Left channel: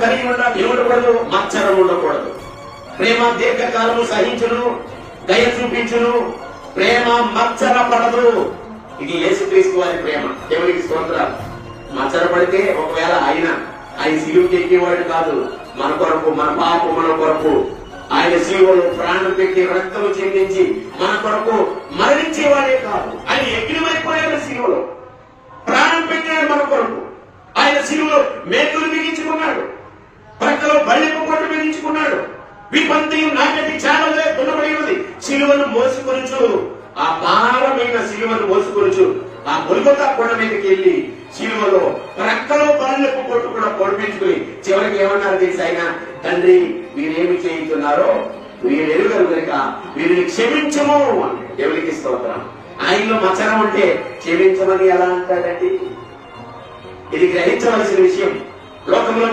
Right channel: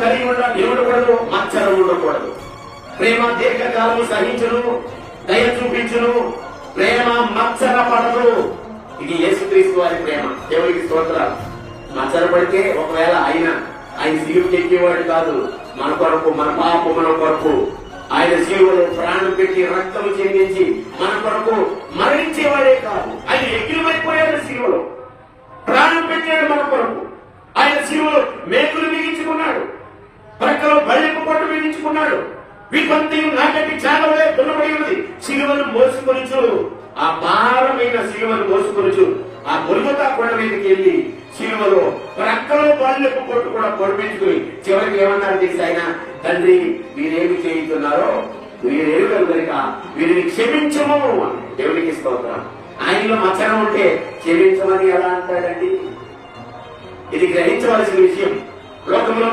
కలిగి ఉండకూడదు, మచ్చరం ఉండకూడదు. ప్రేమ దీర్ఘకాలము సహించును, దయ చూపించును, ప్రేమ మచ్చర పడదు. ఇది యేసుక్రీస్తు వారి ప్రేమ. దేవునికి స్తోత్రం. మచ్చర పడితే ఒకవేళ ఆయన సిలువకి ఎక్కేవాడు కాదు. మన కొరకు, మన పాపముల కొరకు ఆయన సిలువలో ప్రాణం పెట్టి రక్తము చెందించి మన కొరకు మరణించేవాడే కాదు. ఆయన ఎగిరిమైపోయాడు, సిలువలో ప్రాణం పెట్టాడు మన కొరకు. ఆయన సిలువలో మేకులు బిగించుకున్నాడు, ప్రక్కలో బళ్ళెపు కోట బిగించుకున్నాడు. విపంతియు నాకటి చాలవలే దున్నబడి ఉన్నది. సిలువను మోసుకొనుచు, ఆ భారమైన సిలువను మోసుకొనుచు ఆ గొల్గొతా కొండ మీదకి వెళ్లి సిలువలో ప్రక్కలో బళ్ళెపు కోట కూడా పొడిపించుకుని చివరికి ఏమన్నారు తెలుసు ఆయన? తండ్రి, వీరేమి చేయుతున్నారో వీరు ఎరుగరు కనుక వీరిని క్షమించము. దేవునికి స్తోత్రం. ఆయనలో మచ్చరం ఉంటే క్షమించమని ఎలా అంటాడండి? ఇది గ్రహించవలసిన విషయం. లోకంలో